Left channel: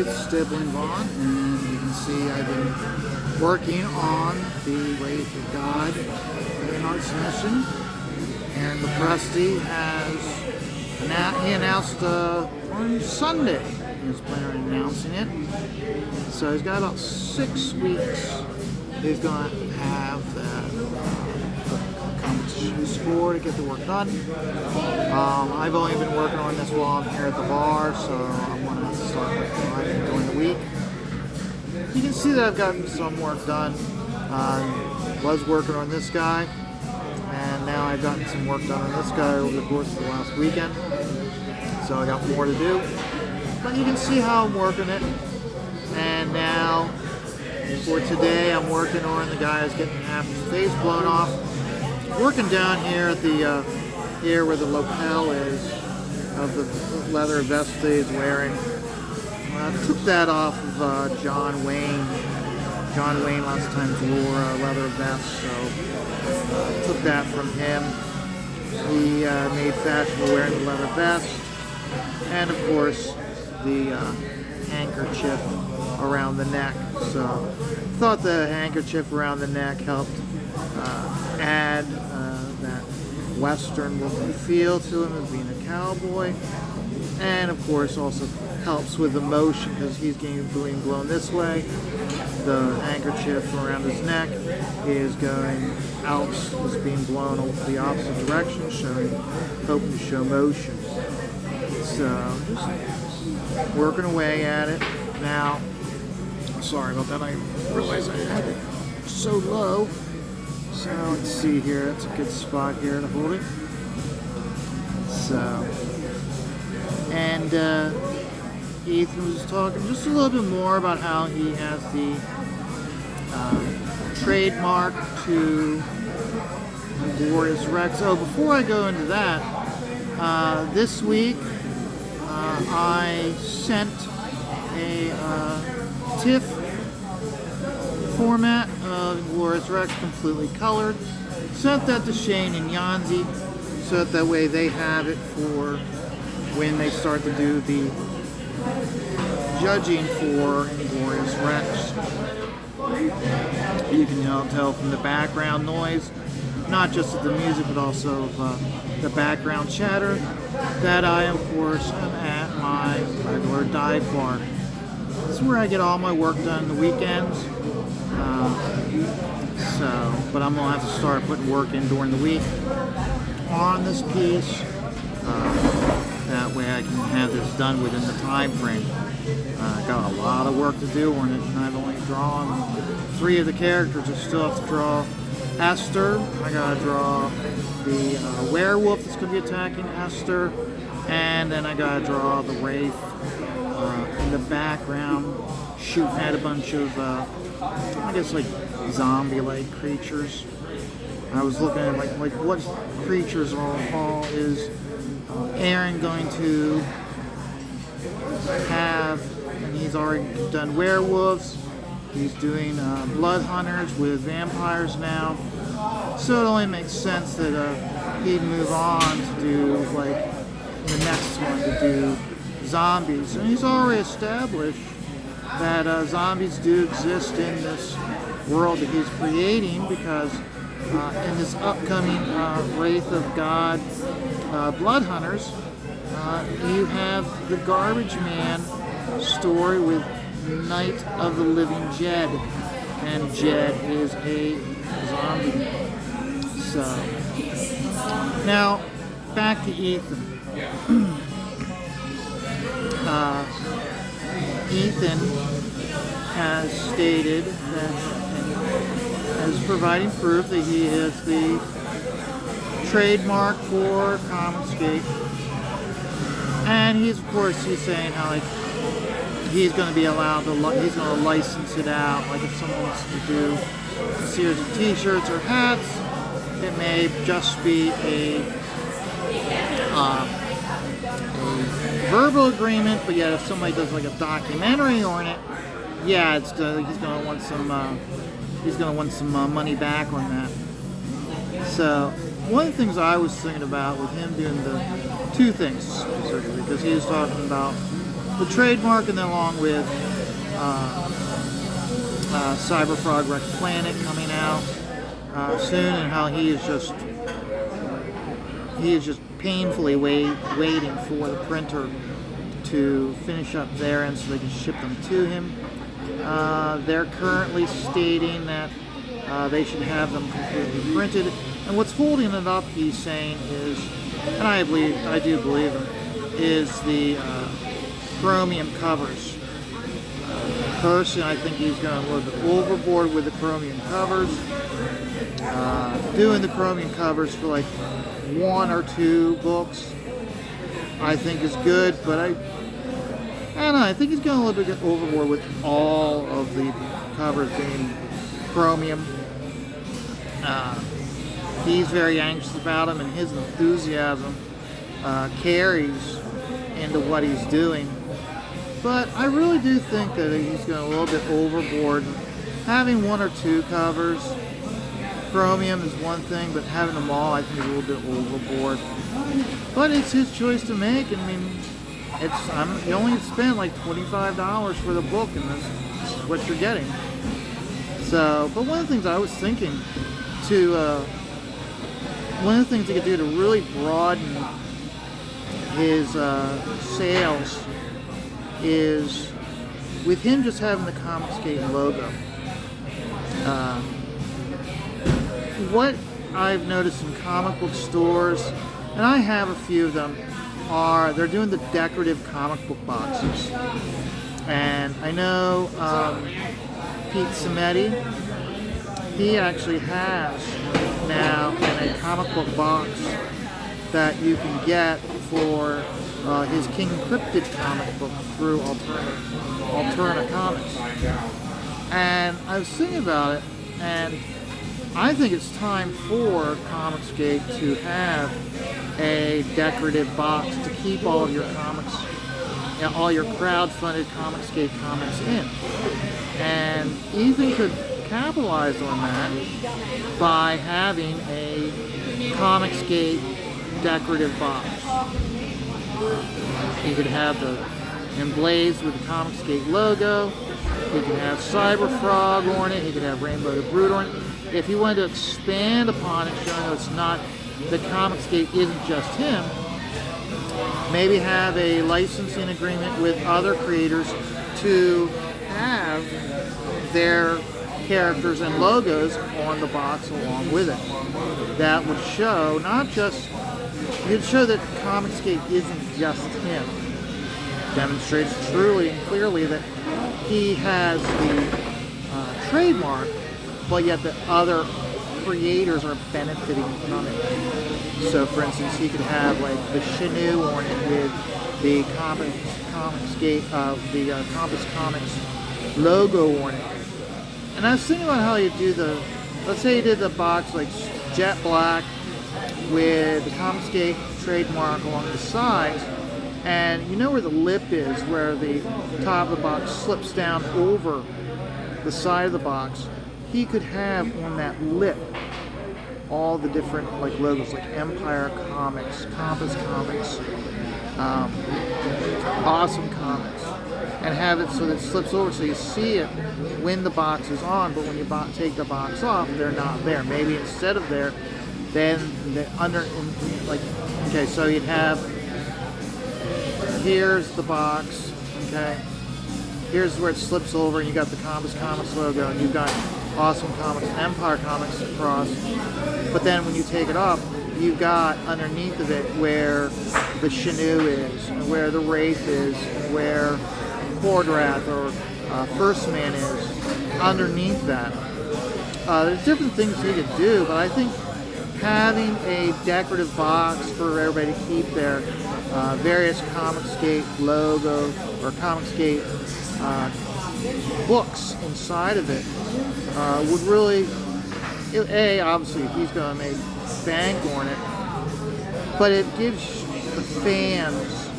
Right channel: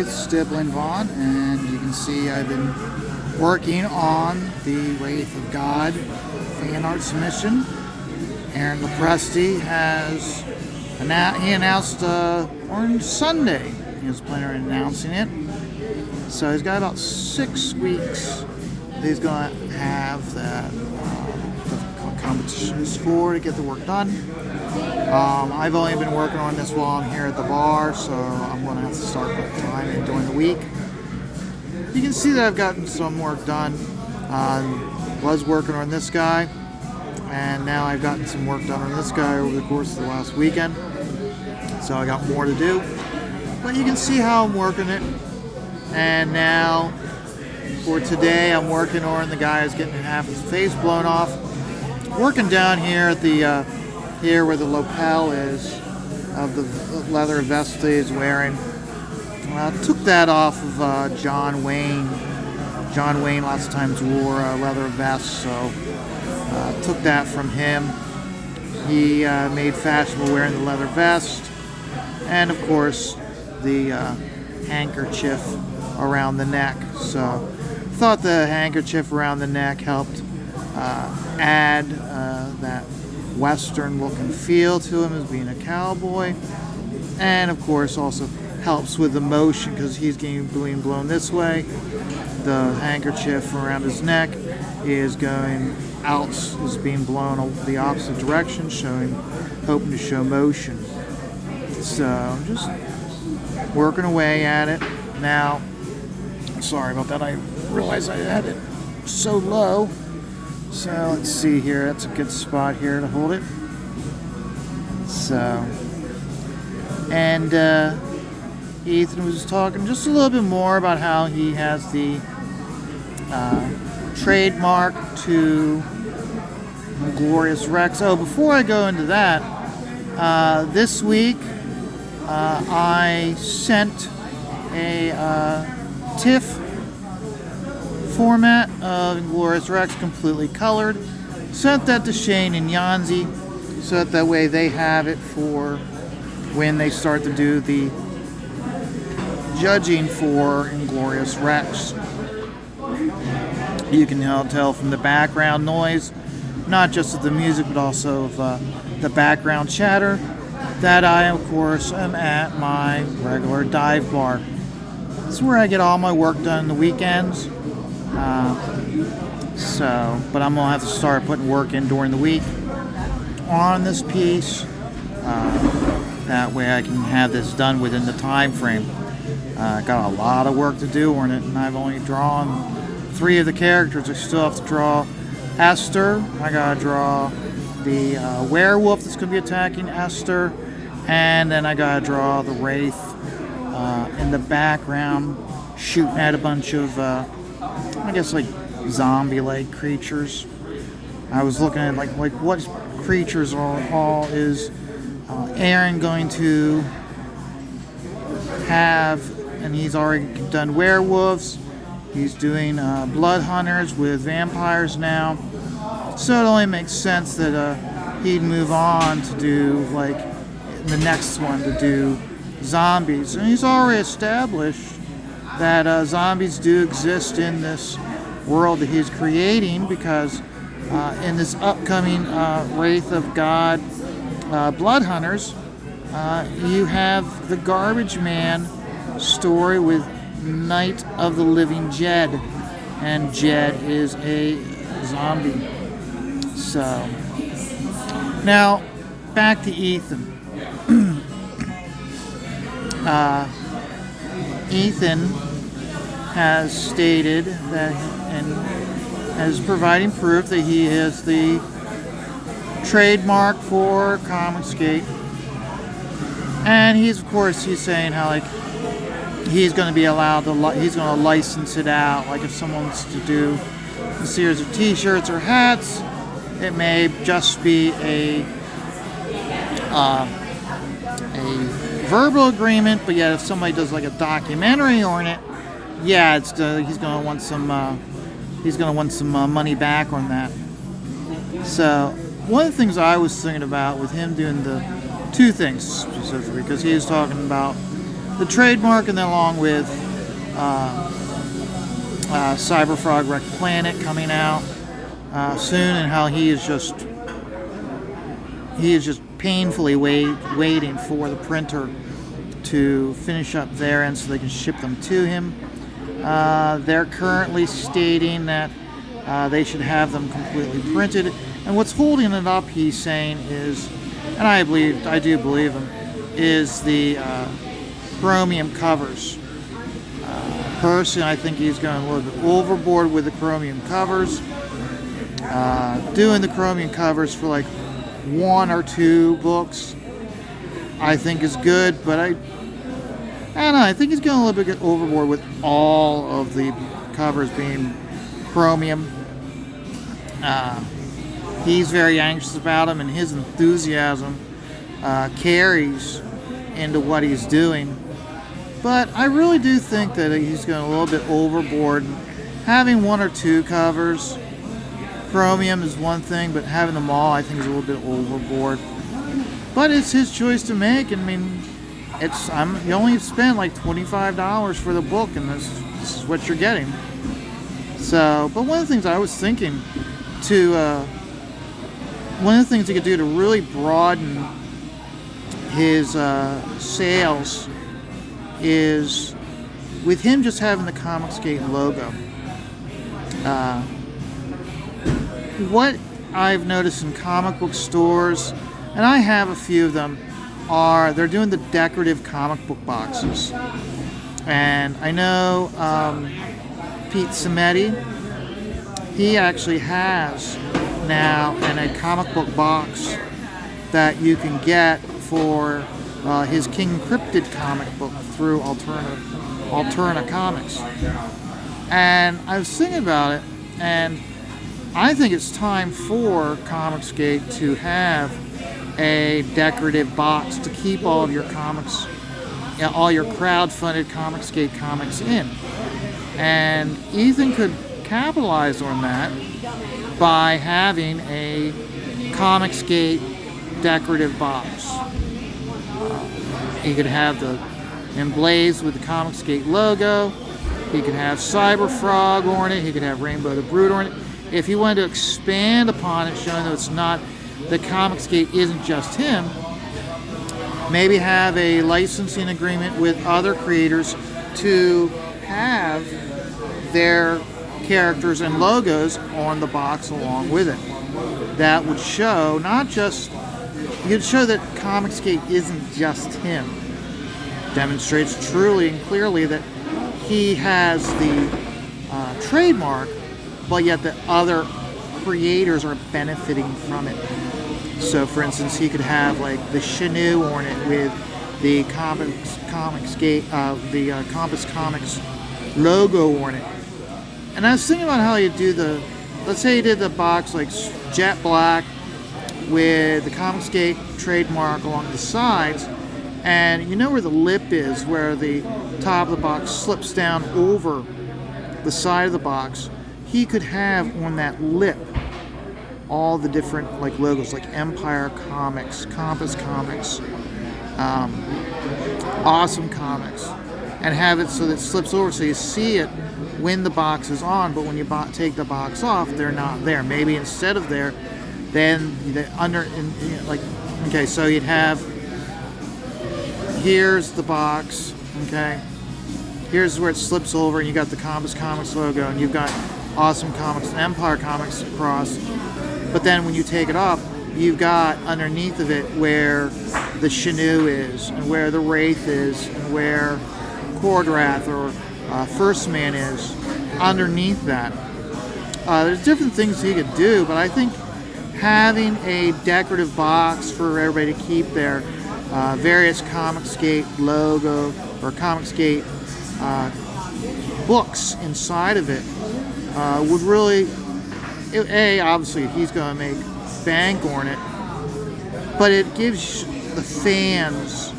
it's stippling Vaughn, and you can see I've been working on the Wraith of God fan art submission. Aaron Lepresti he announced on Sunday he was planning on announcing it. So he's got about 6 weeks he's going to have that competitions for to get the work done. I've only been working on this while I'm here at the bar, so I'm going to have to start putting time in during the week. You can see that I've gotten some work done. Was working on this guy, and now I've gotten some work done on this guy over the course of the last weekend. So I got more to do. But you can see how I'm working it. And now, for today, I'm working on the guy who's getting half his face blown off. Working down here at the here where the lapel is of the leather vest that he's wearing. Took that off of John Wayne. John Wayne lots of times wore a leather vest, so took that from him. He made fashionable wearing the leather vest, and of course the handkerchief around the neck. So thought the handkerchief around the neck helped add that Western look and feel to him as being a cowboy, and of course also helps with the motion because he's being blown this way. The handkerchief around his neck is going out, is being blown the opposite direction, hoping to show motion. So just working away at it. Now, sorry about that, I realized I had it so low. So let's see here, that's a good spot here to hold it. So, and Ethan was talking just a little bit more about how he has the trademark to Glorious Rex. Oh, before I go into that, this week I sent a TIFF format of Glorious Rex, completely colored. Sent that to Shane and Yanzi, so that way they have it for when they start to do the judging for Glorious Rex. You can tell from the background noise, not just of the music, but also of the background chatter, that I, of course, am at my regular dive bar. This is where I get all my work done on the weekends. But I'm going to have to start putting work in during the week on this piece. That way I can have this done within the time frame. I got a lot of work to do on it, and I've only drawn 3 of the characters. I still have to draw Esther. I got to draw the werewolf that's going to be attacking Esther. And then I got to draw the Wraith in the background, shooting at a bunch of, I guess, like zombie-like creatures. I was looking at like what creatures all is Aaron going to have, and he's already done werewolves. He's doing blood hunters with vampires now. So it only makes sense that he'd move on to do like the next one to do zombies. And he's already established that zombies do exist in this world that he's creating, because in this upcoming Wraith of God Blood Hunters, you have the Garbage Man story with Night of the Living Jed, and Jed is a zombie. So, now, back to Ethan. Ethan has stated that, and is providing proof that he is the trademark for Comicsgate. And he's saying how like he's going to be allowed to, he's going to license it out. Like if someone wants to do a series of t-shirts or hats, it may just be a verbal agreement, but yet if somebody does like a documentary on it, yeah, it's he's going to want some money back on that. So one of the things I was thinking about with him doing the 2 things specifically, because he was talking about the trademark, and then along with Cyberfrog Wreck Planet coming out soon, and how he is just painfully waiting for the printer to finish up their end so they can ship them to him. They're currently stating that they should have them completely printed, and what's holding it up, he's saying, is, and I do believe him, is the chromium covers. Personally, I think he's going a little bit overboard with the chromium covers. Doing the chromium covers for like 1 or 2 books, I think is good, but I don't know, I think he's going a little bit overboard with all of the covers being chromium. He's very anxious about them, and his enthusiasm carries into what he's doing. But I really do think that he's going a little bit overboard. Having 1 or 2 covers, chromium is one thing, but having them all, I think, is a little bit overboard. But it's his choice to make. I mean, you only spend like $25 for the book, and this is what you're getting. So, but one of the things I was thinking one of the things he could do to really broaden his sales is with him just having the Comicsgate logo. What I've noticed in comic book stores, and I have a few of them, they're doing the decorative comic book boxes. And I know Pete Cimetti, he actually has now a comic book box that you can get for his King Cryptid comic book through Alterna Comics. And I was thinking about it, and I think it's time for Comicsgate to have a decorative box to keep all of your comics, all your crowd-funded Comicsgate comics in. And Ethan could capitalize on that by having a Comicsgate decorative box. He could have the emblazed with the Comicsgate logo. He could have Cyberfrog on it. He could have Rainbow the Brute on it. If he wanted to expand upon it, showing that it's not, that Comicsgate isn't just him, maybe have a licensing agreement with other creators to have their characters and logos on the box along with it. That would show you'd show that Comicsgate isn't just him. Demonstrates truly and clearly that he has the trademark, but yet that other creators are benefiting from it. So, for instance, he could have like the Chenoo on it with the Comicsgate, the Compass Comics logo on it. And I was thinking about how you do let's say you did the box like jet black with the Comicsgate trademark along the sides, and you know where the lip is, where the top of the box slips down over the side of the box. He could have on that lip all the different like logos, like Empire Comics, Compass Comics, Awesome Comics, and have it so that it slips over so you see it when the box is on, but when you take the box off, they're not there. Maybe instead of there, then okay, so you'd have, here's the box, okay, here's where it slips over, and you got the Compass Comics logo, and you've got Awesome Comics and Empire Comics across, but then when you take it off, you've got underneath of it where the Chenoo is, and where the Wraith is, and where Cordrath or First Man is, underneath that. There's different things he could do, but I think having a decorative box for everybody to keep their various Comicsgate logo or Comicsgate books inside of it would really, obviously he's going to make bank on it, but it gives the fans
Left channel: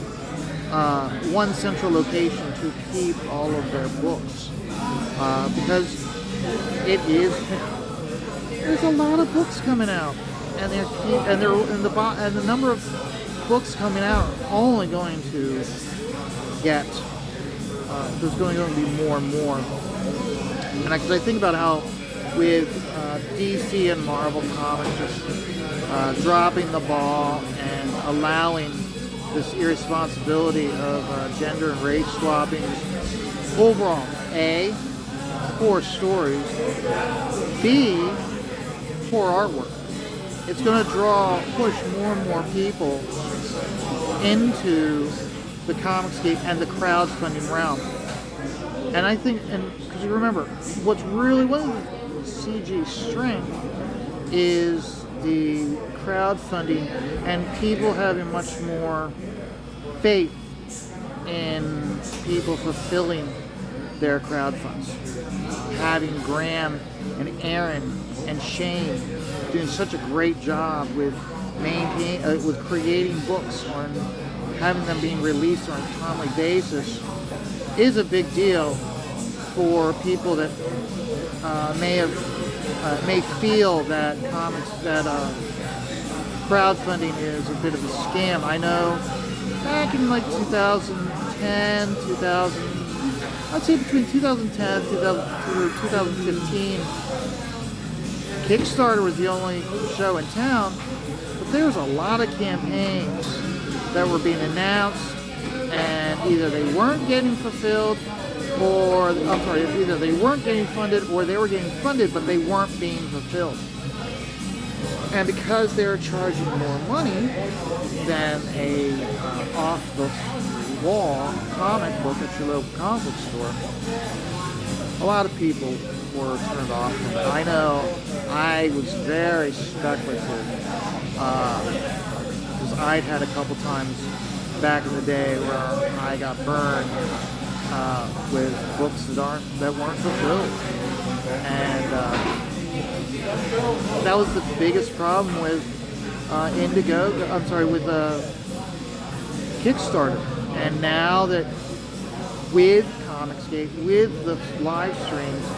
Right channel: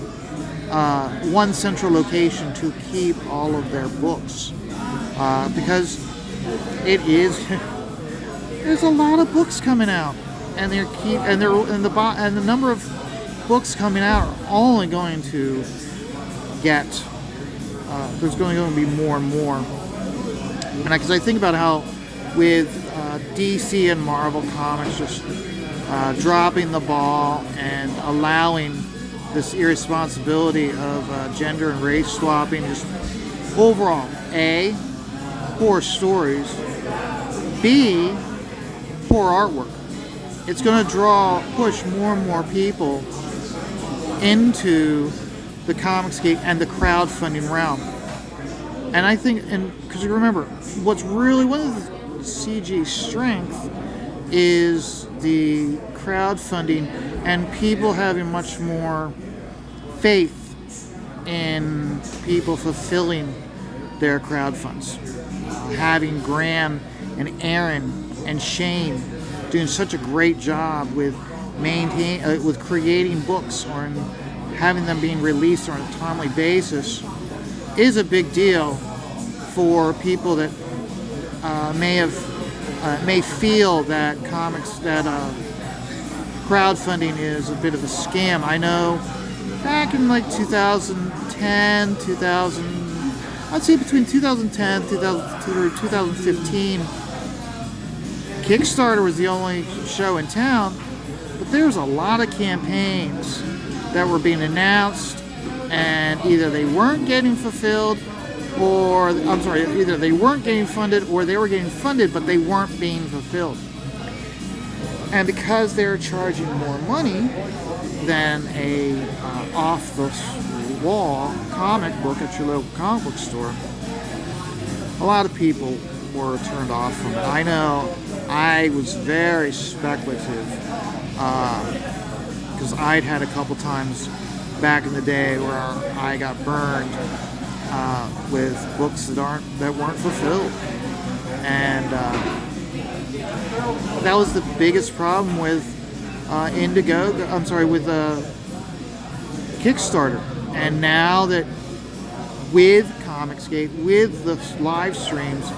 one central location to keep all of their books, because there's a lot of books coming out, and the number of books coming out are only going to get there's going to be more and more. And because I think about how with DC and Marvel Comics just dropping the ball and allowing this irresponsibility of gender and race swapping, just overall, A, poor stories, B, poor artwork. It's going to push more and more people into the Comicsgate and the crowdfunding realm. And I think, because you remember, what's really one of the CG's strength is the crowdfunding and people having much more faith in people fulfilling their crowdfunds. Having Graham and Aaron and Shane doing such a great job with with creating books or having them being released on a timely basis is a big deal for people that may feel that crowdfunding is a bit of a scam. I know back in like 2010, I'd say between 2010 through 2015, Kickstarter was the only show in town, but there's a lot of campaigns that were being announced and either they weren't getting fulfilled either they weren't getting funded or they were getting funded but they weren't being fulfilled. And because they're charging more money than a off-the-wall comic book at your local comic book store, a lot of people were turned off from it. I know I was very speculative because I'd had a couple times back in the day where I got burned with books that weren't fulfilled, and that was the biggest problem with with Kickstarter. And now that with Comicsgate, with the live streams,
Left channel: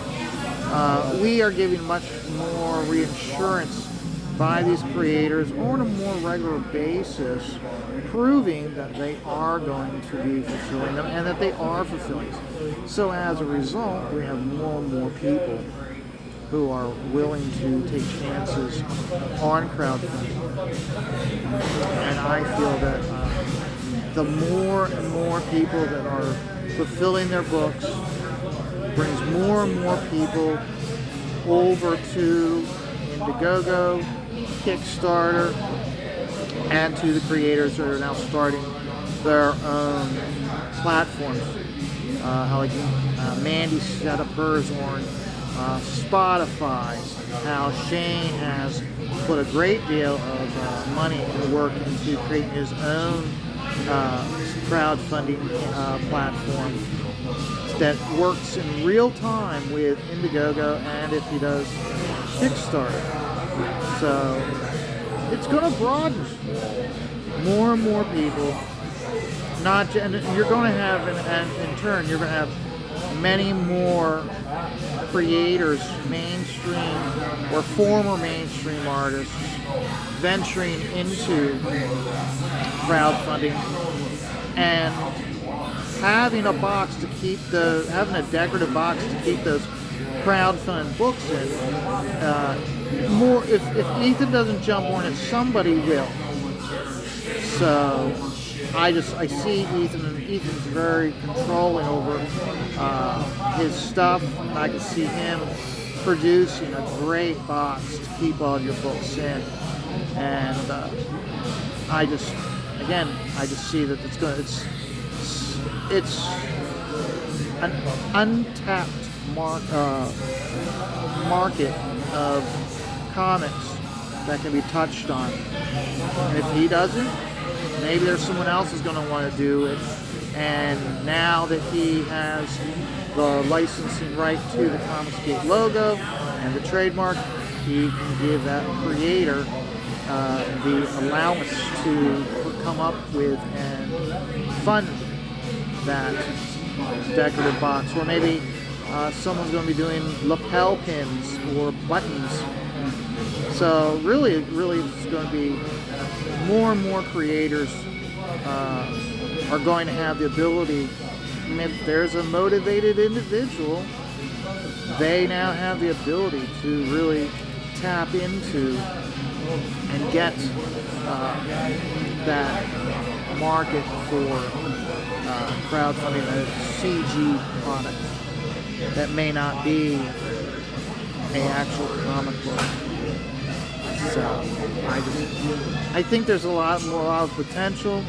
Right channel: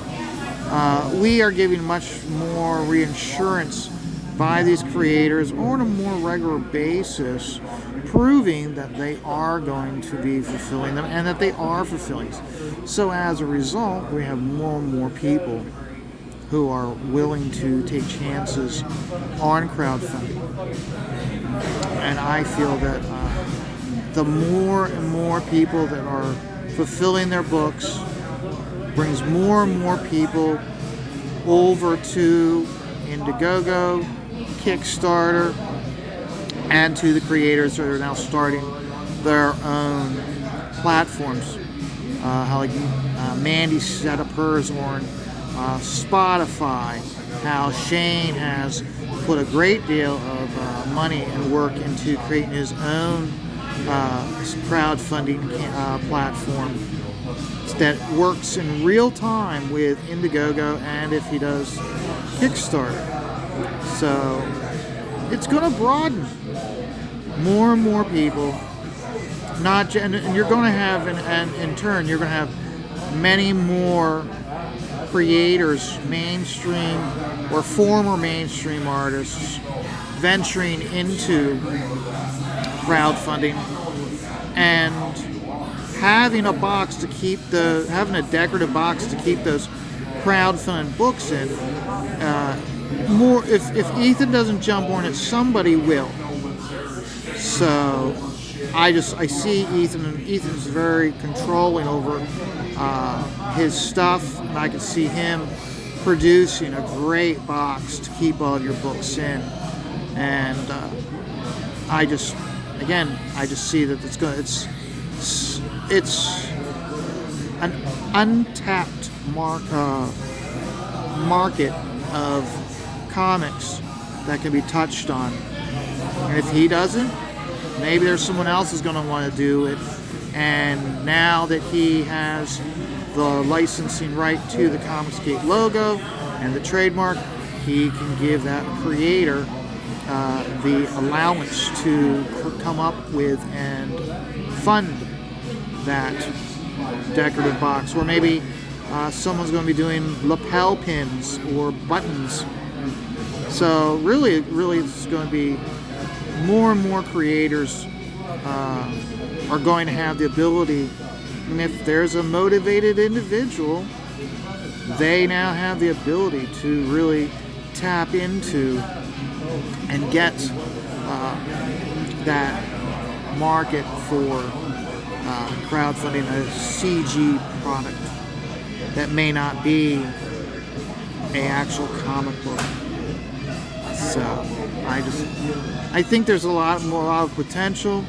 we are giving much more reassurance by these creators on a more regular basis, proving that they are going to be fulfilling them and that they are fulfilling. So as a result, we have more and more people who are willing to take chances on crowdfunding. And I feel that the more and more people that are fulfilling their books brings more and more people over to Indiegogo, Kickstarter, and to the creators that are now starting their own platforms. Mandy set up hers on Spotify, how Shane has put a great deal of money and work into creating his own crowdfunding platform that works in real time with Indiegogo and if he does Kickstarter. So it's going to broaden more and more people. And you're going to have, in turn, you're going to have many more creators, mainstream or former mainstream artists, venturing into crowdfunding and having a decorative box to keep those crowdfunded books in. If Ethan doesn't jump on it, somebody will. So I see Ethan's very controlling over his stuff, and I can see him producing a great box to keep all your books in. And I just see that it's an untapped market of comics that can be touched on. And if he doesn't, maybe there's someone else who's going to want to do it. And now that he has the licensing right to the Comicsgate logo and the trademark, he can give that creator the allowance to come up with and fund that decorative box. Or maybe someone's going to be doing lapel pins or buttons. So really it's going to be more and more creators are going to have the ability And if there's a motivated individual, they now have the ability to really tap into and get that market for crowdfunding a CG product that may not be an actual comic book. So I think there's a lot of potential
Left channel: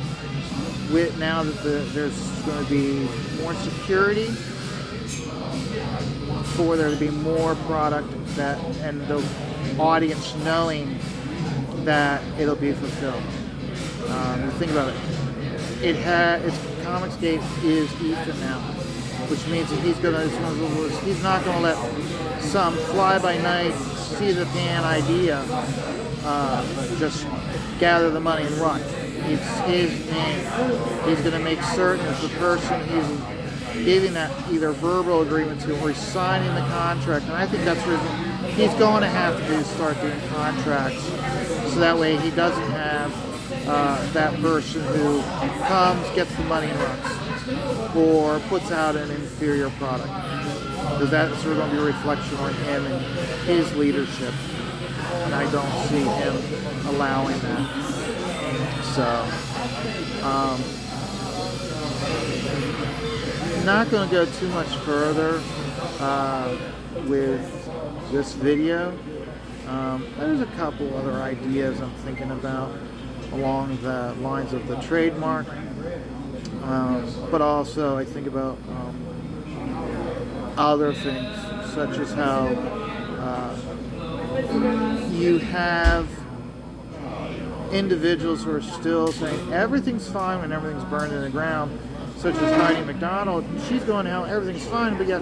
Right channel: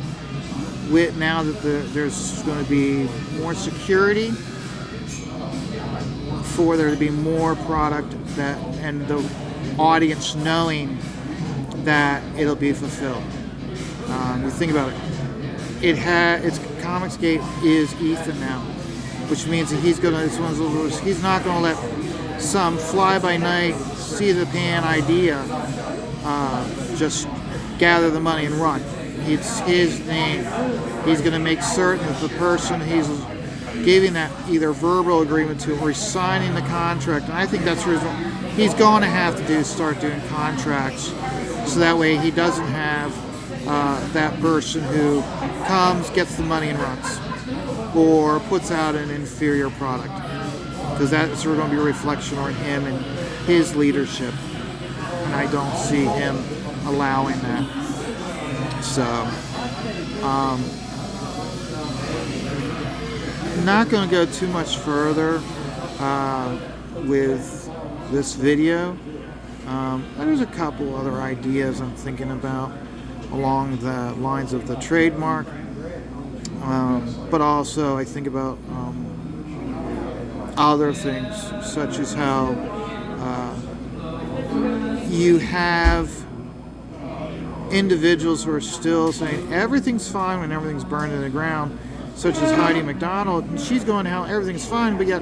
with now that there's going to be more security for there to be more product that and the audience knowing that it'll be fulfilled. You think about it. It's Comicsgate is Ethan now, which means that he's not going to let some fly-by-night, see-the-pan idea just gather the money and run. It's his name. He's going to make certain that the person he's giving that either verbal agreement to or signing the contract, and I think that's the reason he's going to have to start doing contracts, so that way he doesn't have that person who comes, gets the money and runs, or puts out an inferior product, because that's going to be a reflection on him and his leadership, and I don't see him allowing that. So, I'm not going to go too much further with this video. There's a couple other ideas I'm thinking about along the lines of the trademark, but also I think about other things, such as how you have individuals who are still saying everything's fine when everything's burned in the ground, such as Heidi McDonald. She's going out, everything's fine, but yet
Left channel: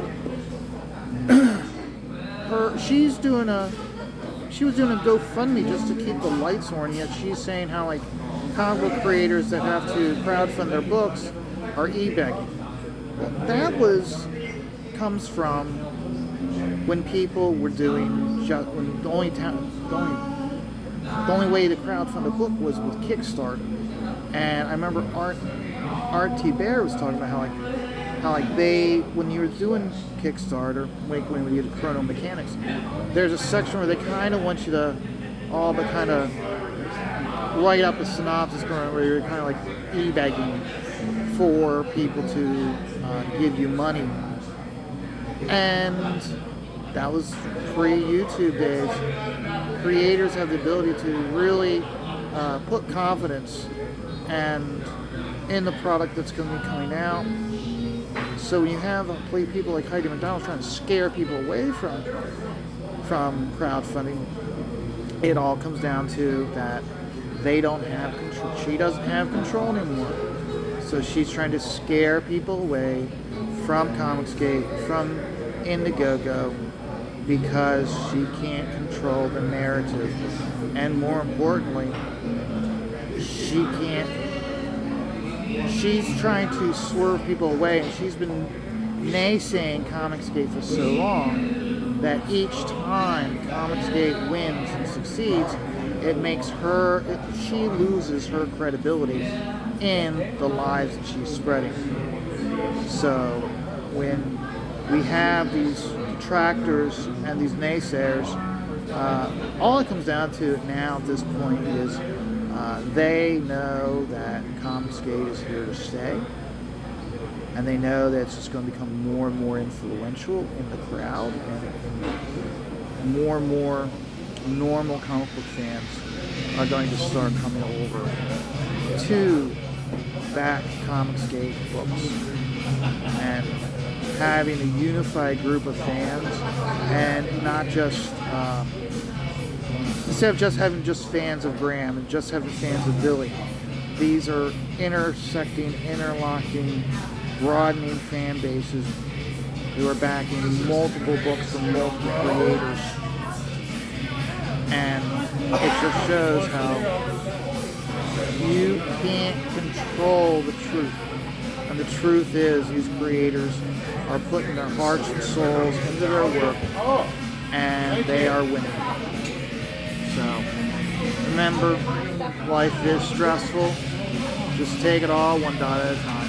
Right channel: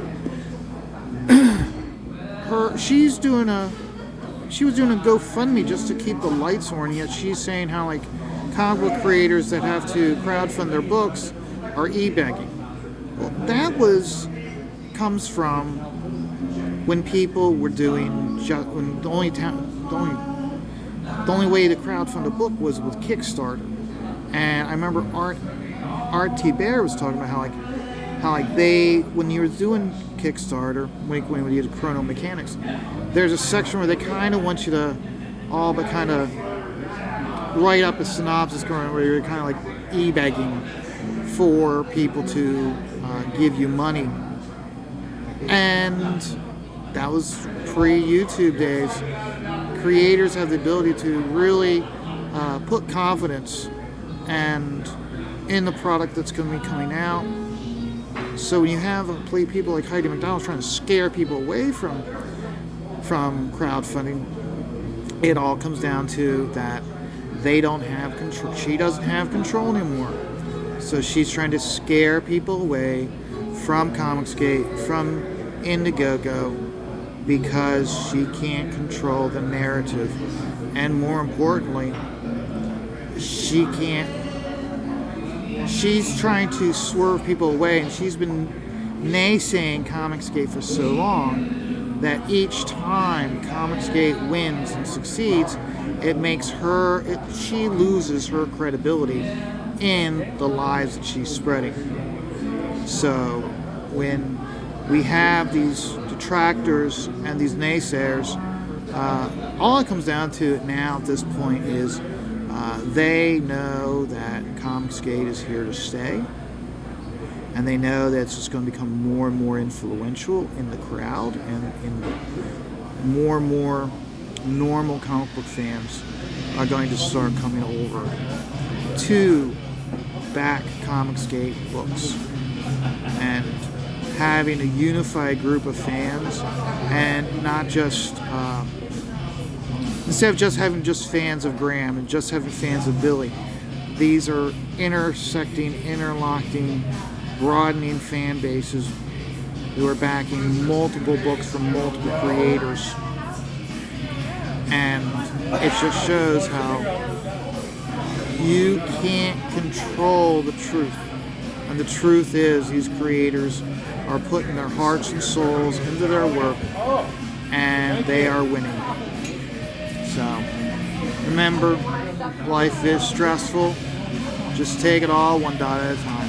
she was doing a GoFundMe just to keep the lights on, yet she's saying how like comic book creators that have to crowdfund their books are e-begging. Well, that comes from when people were doing when the only way to crowdfund a book was with Kickstarter. And I remember Art T. Bear was talking about how they, when you were doing Kickstarter, when you did Chrono Mechanics, there's a section where they kind of want you to all but kind of write up a synopsis where you're kind of like e-begging for people to give you money. And that was pre-YouTube days. Creators have the ability to really put confidence in the product that's going to be coming out. So when you have people like Heidi McDonald trying to scare people away from crowdfunding, it all comes down to that they don't have control. She doesn't have control anymore. So she's trying to scare people away from Comicsgate, from Indiegogo, because she can't control the narrative. And more importantly, she's trying to swerve people away, and she's been naysaying Comicsgate for so long that each time Comicsgate wins and succeeds, she loses her credibility in the lies that she's spreading. So when we have these detractors and these naysayers, all it comes down to now at this point is they know that Comicsgate is here to stay, and they know that it's just going to become more and more influential in the crowd, and more and more normal comic book fans are going to start coming over to back Comicsgate books and having a unified group of fans, and not just instead of just having just fans of Graham and just having fans of Billy. These are intersecting, interlocking, broadening fan bases who are backing multiple books from multiple creators. And it just shows how you can't control the truth. And the truth is these creators are putting their hearts and souls into their work, and they are winning. So remember, life is stressful. Just take it all one day at a time.